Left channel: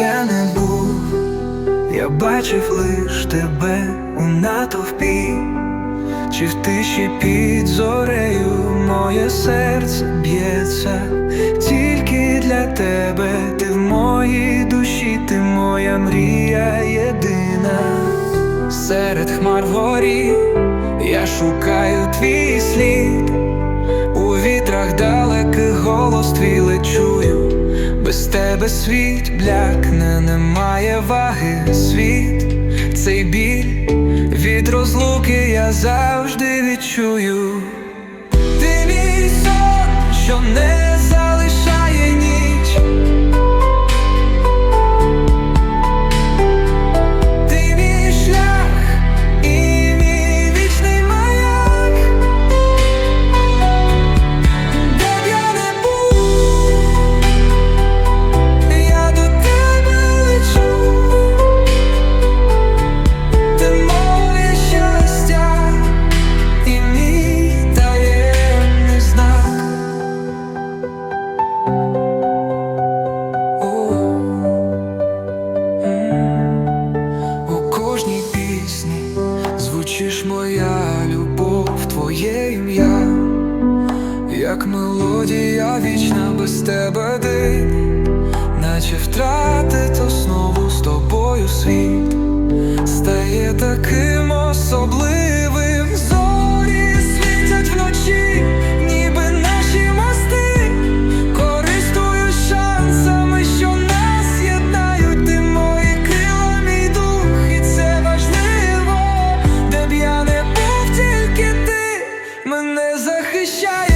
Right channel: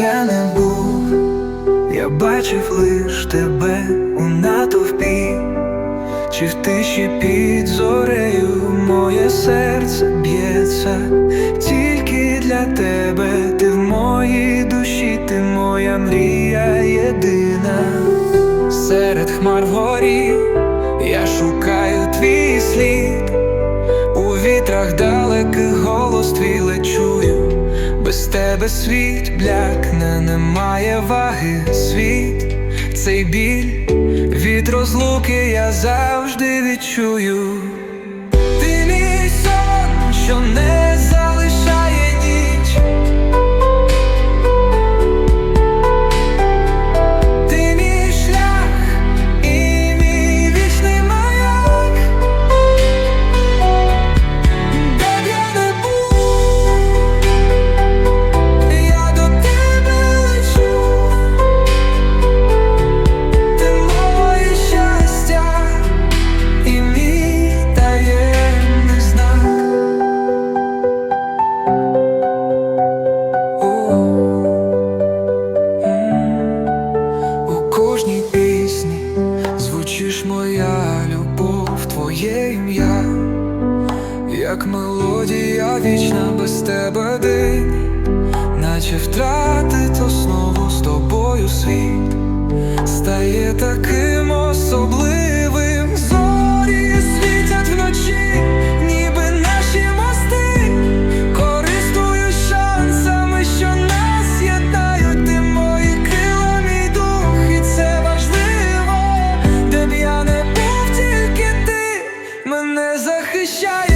Я не був, я бачив лиш тебе у натовпі, чи в тиші під зорею моє серце б'ється, тільки для тебе ти в моїй душі, ти моя мрія єдина. Серед хмар вгорі я шукаю твій слід. У вітрах далеких голос твій лечую, без тебе світ блякне, немає ваги світ, цей біль від розлуки я завжди відчую. Ти мій сон, що не пісні. Звучиш моя любов, твоє ім'я. Як мелодія вічна без тебе день, наче втратить основу з тобою світ, стає таким shine.